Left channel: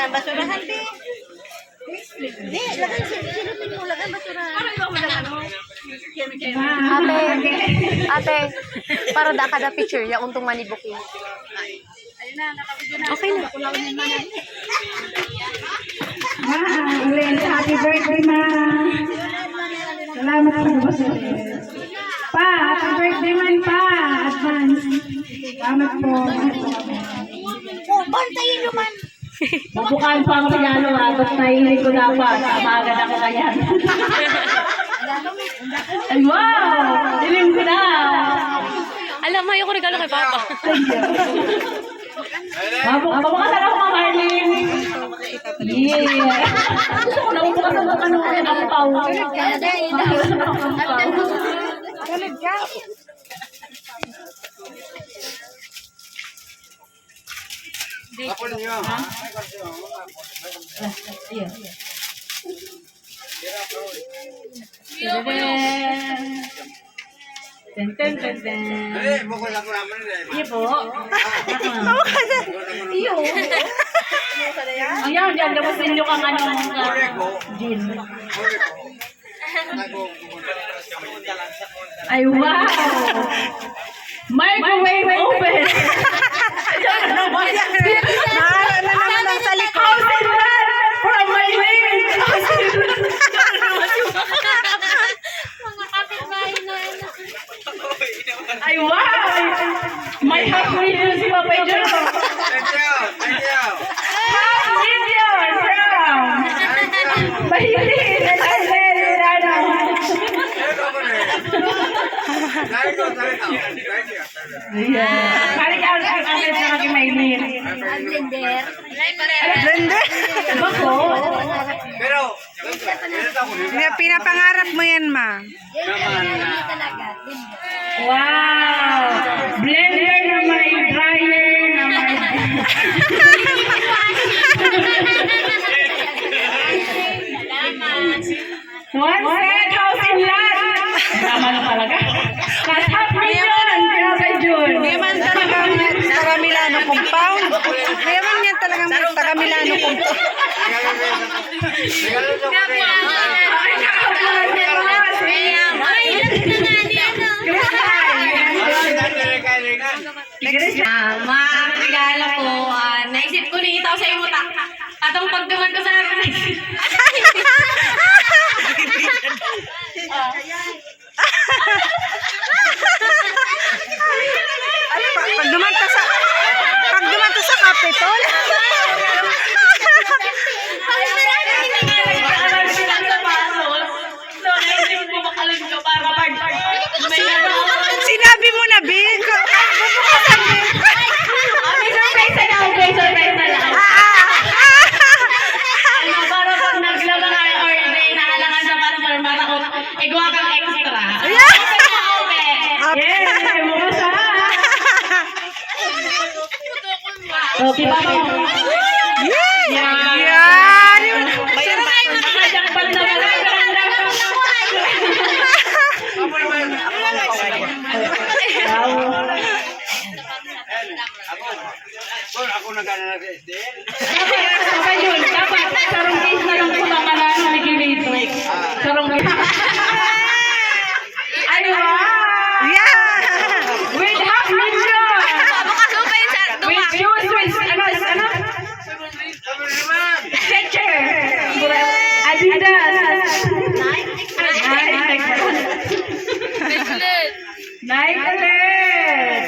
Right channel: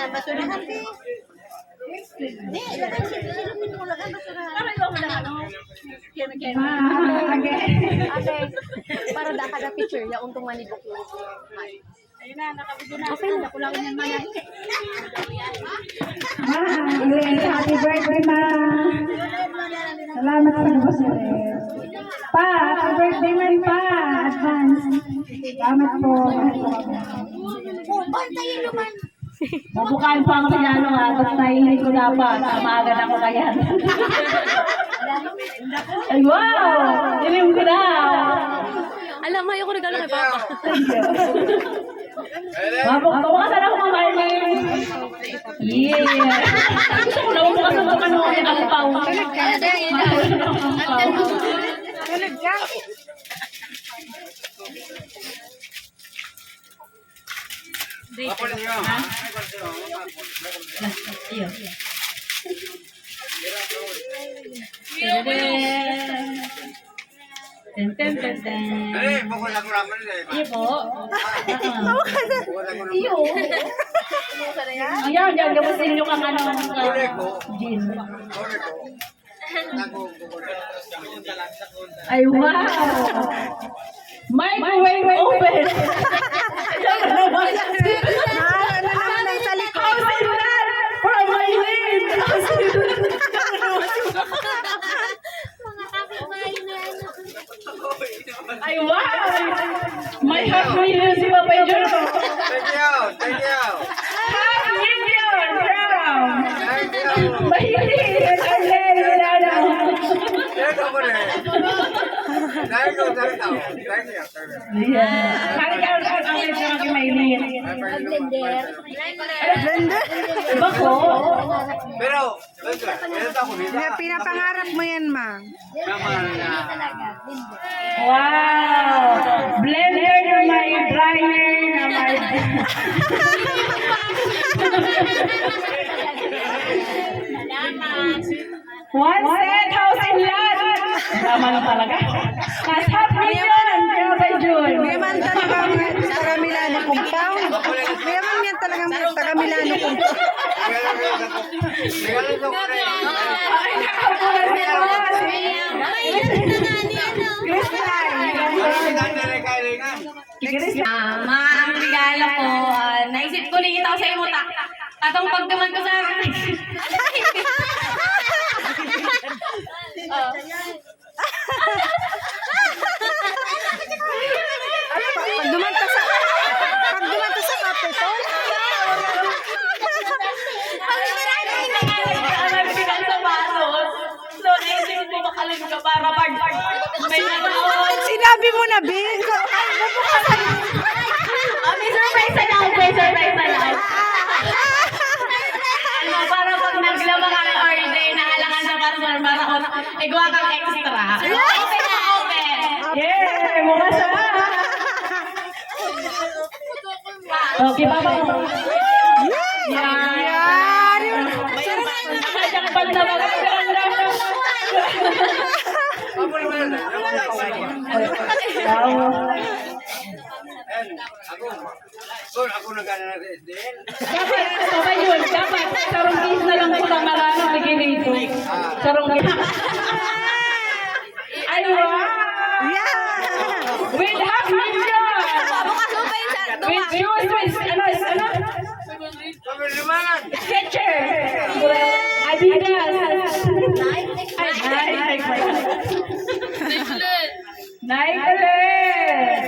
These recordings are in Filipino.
ang basurahan, di. Di, lagay silupin mo lang ang basurahan. Parang yung mga ano. Ate, para da kada picture ya untong manibok yun. Ayun na, nakabigyan na. Okay na. Kulawin yung mga. Happy birthday, ma. Salamat sa nabos. Pa, happy birthday man pa. Advance. Salamat po. Bantayin naman. Mabukaan pa ang regalo ha. Tapos nahihilig ko dapat. Maaga na ko kaya. Ay, wow! Dilim ko na. Alam mo, ayoko regalo kay Papa. Thank you. Mabukasan ako mga Marlene. Yeah. Gusto ko na mabukasan ako ano. Tulog ka na dahil. Tulog ka. Apa niyo? Eh, bukol ako naman eh. Iya po. Iyo. Ayan, diyan dapat inyo kang ano. Gin. Ay, wow! Microwave open! Mahala na naman ang sa likod. From my lane! Ay, wow! May half million si Papa John. Thank you. Thank you. Half million! From! Mahilig! Ay, wala na. Dahil ko, dahil ako. Dahil niya. Yeah. Parang ang sa aking mailin. Blender. Blender. Bako? Pero, ganito ako. Pinapangarap mo yan, ma. Naman na. Talaga, blender. Wow! Blender na may dryer na may... One set house in lot! Tama na talaga. Mas half million! Papa Jun! Mayaman talagang taga Milano compound. Mayaman yan talagang taga Milano compound. Mga regalo ko, naisip ko rin ito sa iyo utak. Atong pagdaman ko sa akin. Pag dumanta sa Capitol. Sinabi mo na, Bin. Bubukasan din. May surprise na lang. May surprise na lang. Para pag naglaba kami or inahalangan sa para igwa kang extra. Yeah, bukas na. Okay, Papa. Yan. Nakajak pa naman. Ako nag-aaral ng SDN. Papa Jun, dapat sarong case na lang po ang marami ni Kilito. Sarong case. Ay, wow! Yeah. With half million! Bukas mo pa yun sa With shoes, with ano? Sabi naman! Sketcher! Adidas! Nike ulit!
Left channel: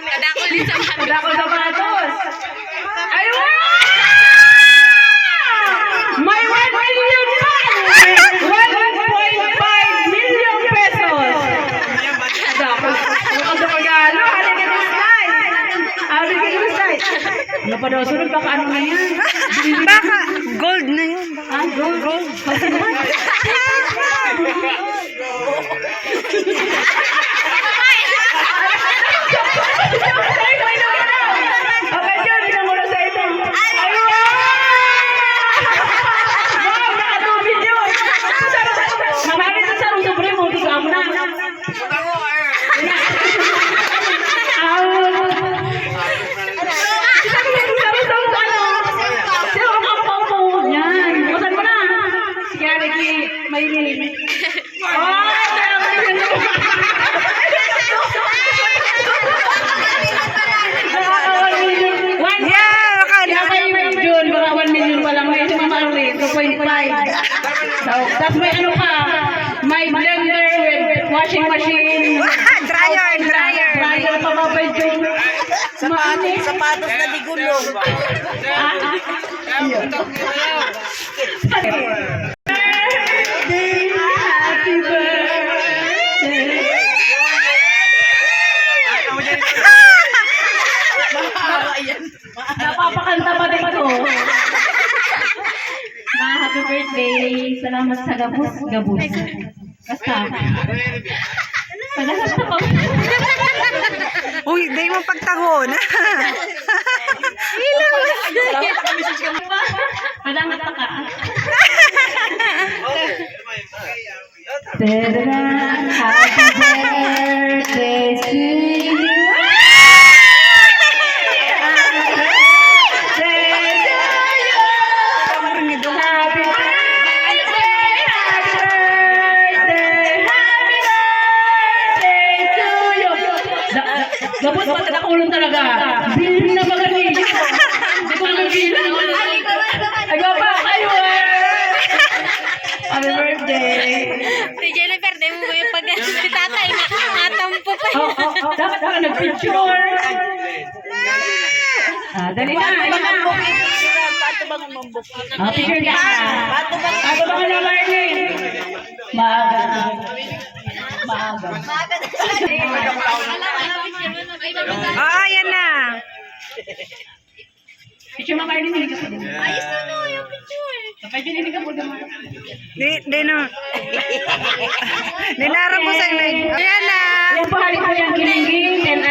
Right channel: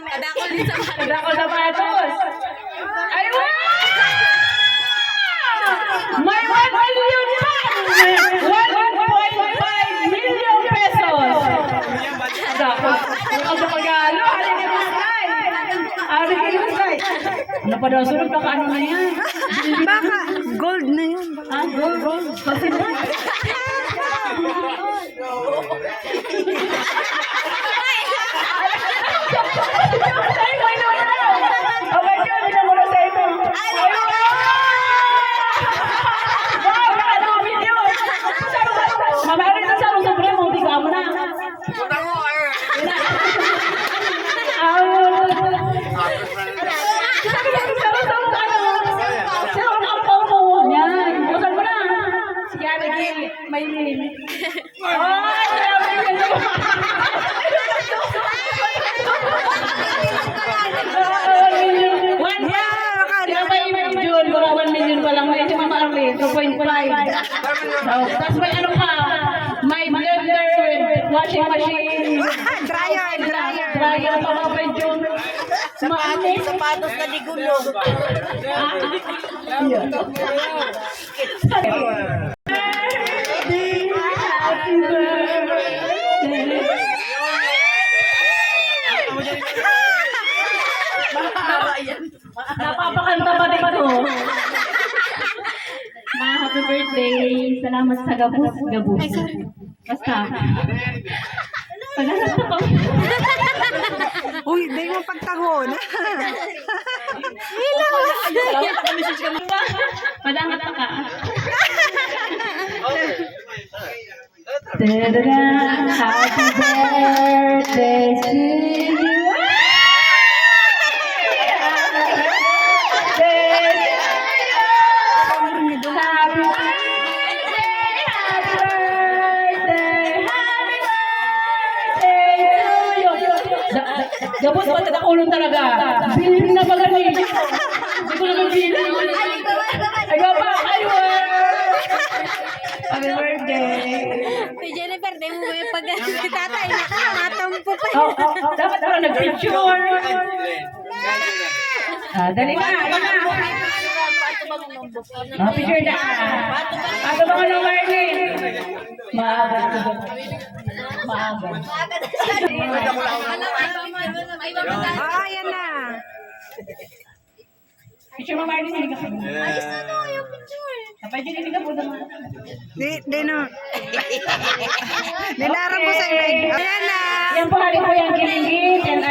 Kadakol din sa mga. Wala ko sapatos! Ay, wow! May 1 million naman! 1.5 million pesos! Dako. Ano sa pag-alo? Halika ng slide! Halika ng slide! Ano pa daw? Sunod baka ano na yan? Baka gold na yun. Ah, gold. Okay, John, ikaw muna sa ito. Ay, wow! Wow, nakadumit yun. Mamahit sa sarong supremo, tiga mo na. Punta ko eh! Sabi ko, sarong washing machine. Dryer. Dryer pa mabay yung maanis. Sapatos na digulong. Happy birthday. Napapakanta pa din ko. Mga happy birthday. Salamat sa gabus. Basta. Pagkakanta ko. Uy, di mo pagtahon. Salamat sa message kami pa. Madangat ka. Tada! Happy birthday to you. Gabos pa sa nakulong talaga. Bilhin na magaling. Hindi ko naman bilhin. Ay, pa kayo Happy birthday. Si Jennifer, di mo yung pag si tatay, natampo pa. Dapat ka nag-picture. Dali na. Picture na. Pato ba ka na, Marlene? Maaga. Yan na. Picture mo, Marlene. Ayos na no, yung picture. Kapag dinilig ka po naman. Di no. Nilarap ko sa imig. Ayan na. Yan po, hari po yung kilingin. And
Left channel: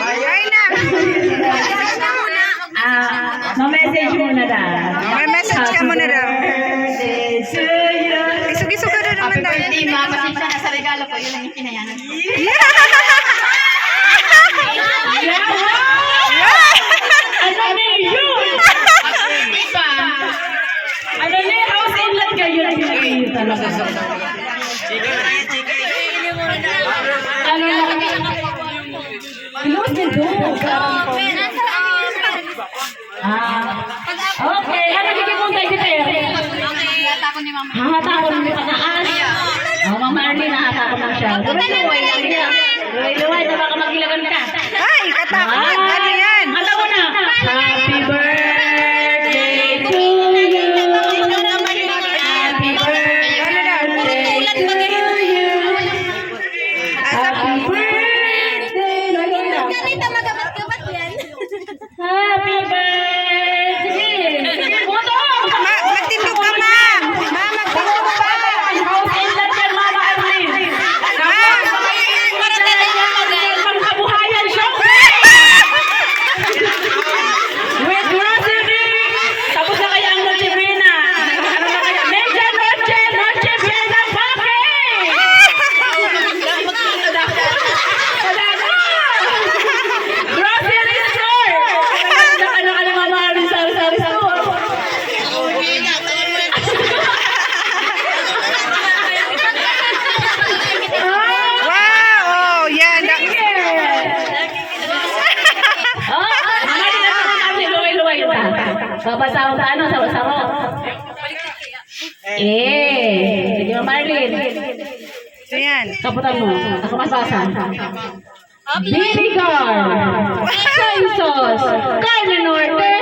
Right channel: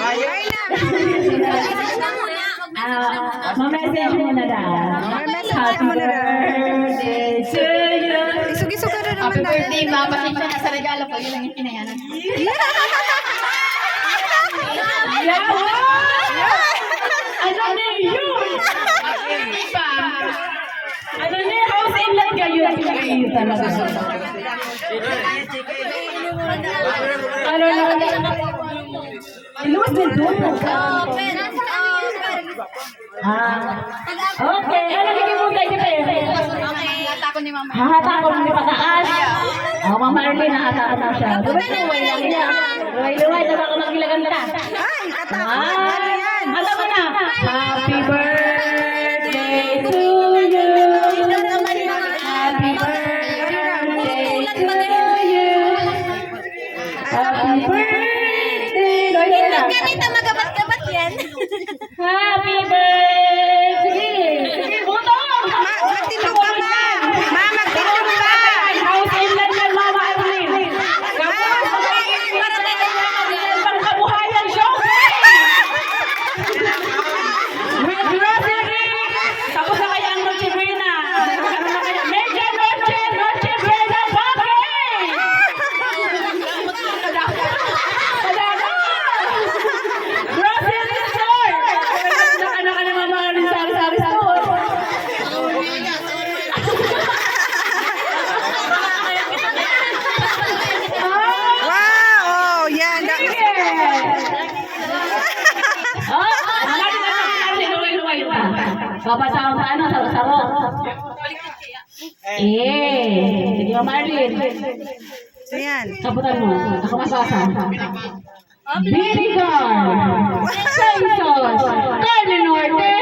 Ayan na. ma-message mo na daw. May message ka mo na daw. Birthday to you. Isug-isug ka na naman daw. Hindi, pasensya na sa regalo ko. Yun lang yung pinayanan. Ano ni yun? Ano ni house in lang kayo? Pinag-iyo talaga. Ano lang? Ilos din doon. Okay. Ano kikimuntay kita yun? Hahatakon mo pataas. Mama Marlene, hahatakon na siya. Luway, na baka magilagan ka. Ay, katakot. Ano yan? Ano ko na? Happy birthday to you. Happy birthday Ano daw? to you. Happy birthday. Ganito magabat-gabat yan. Happy birthday. Sige, buto. Magtindog ka, ma. Ma, magtindog ka. House in lang yan, Mama Marlene. Pangkabuhayan siya. With grocery. Tapos na kaya ang Noche Buena. Medya Noche Buena Papi. Kadaga. Grocery store. Ano ka ni Mama Marlene sa store? Wow! Oh, yan. Babasaw sa ano? Sawa-sawa. Sige mo, Marlene. So, yan. Kaputan mo. Ako masasa. Vinegar. Soy sauce. Carne Norte.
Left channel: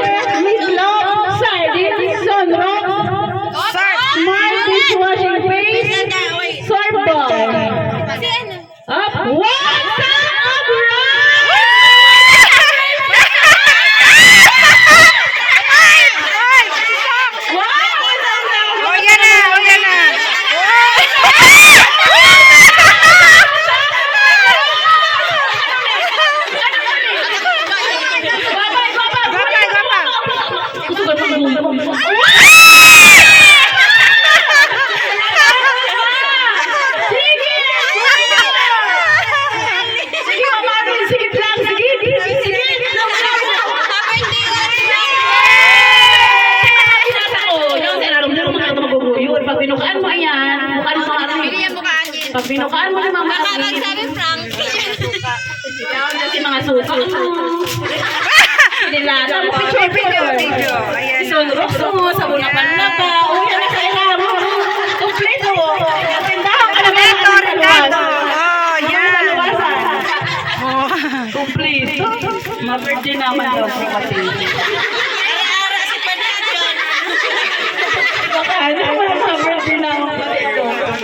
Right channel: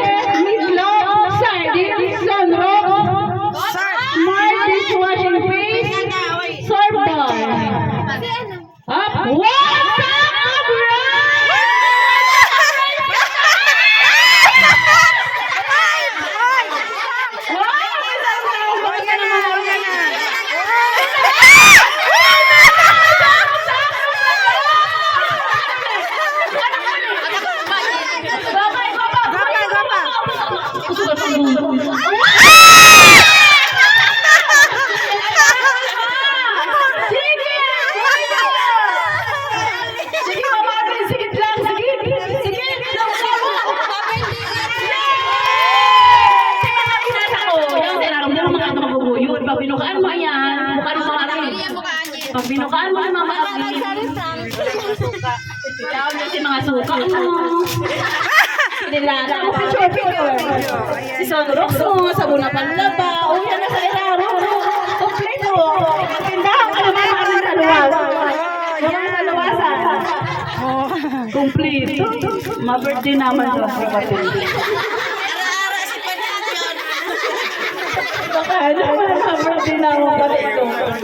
Meatloaf. Sardines. Sunrock. Sir, Smart dishwashing paste. Sorbol. Up. What's up, oh, yan na. Oh, yan na. Gwapa, gwapa. Sige, Mama Marlene, sige lang, sige. Sige. Pinasa ko, yung sinaramdaman mo kahit maguguyod. Pag binukaan mo yan, mukha ng mga ating. Pag binukaan mo ng mga ating, Sabi Frank. kasi mga suka. Nilara ko. Video. Ayan. Isulurok mo, sabon na panlaba. O, yan na sa ilalim. Kompleto. Tindahan ka na Kompleto, Ricardo. dito. Ma-birthday naman daw po kasi. Baka ano, ma-birthday naman po dito.